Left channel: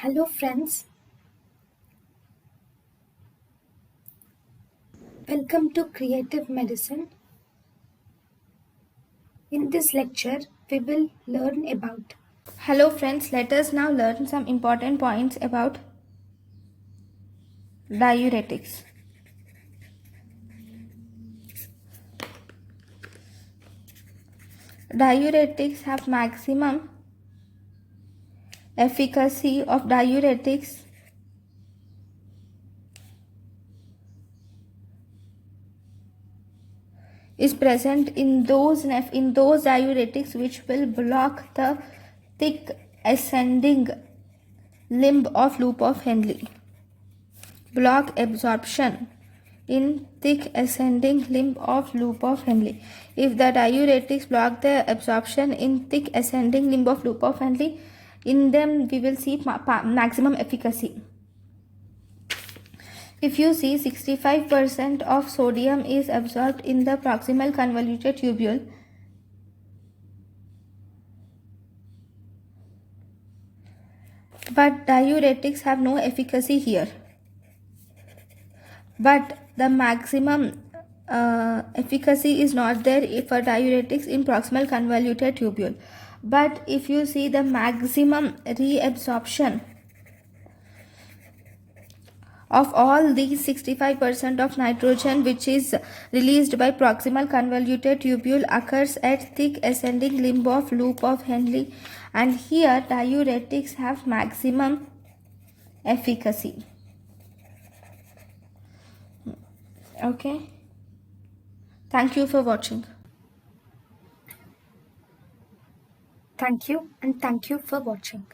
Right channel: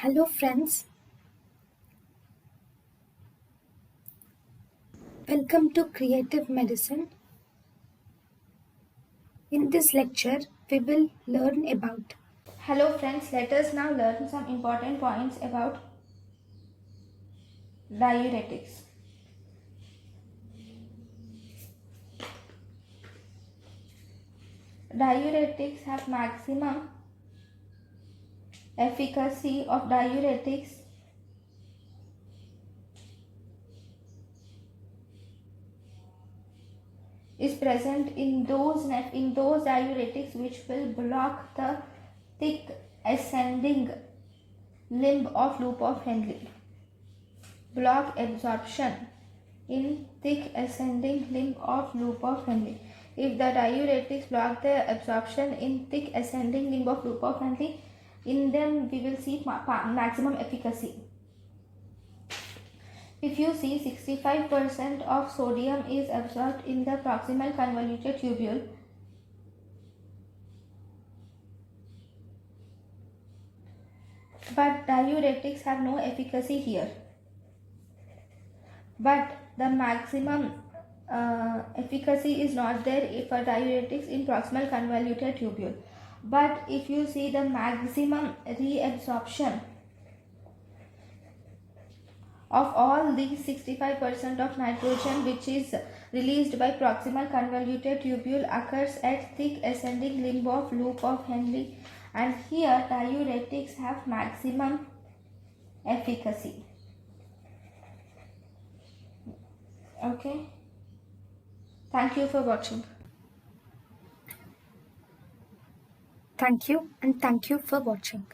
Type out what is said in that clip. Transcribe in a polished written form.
Hello friends, welcome to Creative Medicine. In this lecture, we will learn about. Hello friends, let us now learn some important points about diuretics. Diuretics have maximum efficacy of diuretics is present in those diuretics which will block the thick ascending limb of loop of Henle. Block absorption in thick ascending limb of loop of Henle. If the diuretics block the absorption in thick ascending limb of loop of Henle, in them we will see maximum efficacy. If you see 65% of sodium is absorbed in the proximal convoluted tubule, but diuretics have no efficacy here. But the maximum efficacy is not there for diuretics in proximal convoluted tubule. But if you see the maximum reabsorption of all these 65% of nitrogen which is released by proximal convoluted tubule occurs at thick ascending limb of loop of Henle, and here diuretics have maximum efficacy. Okay, thank you for watching. Thank you and thank you for watching.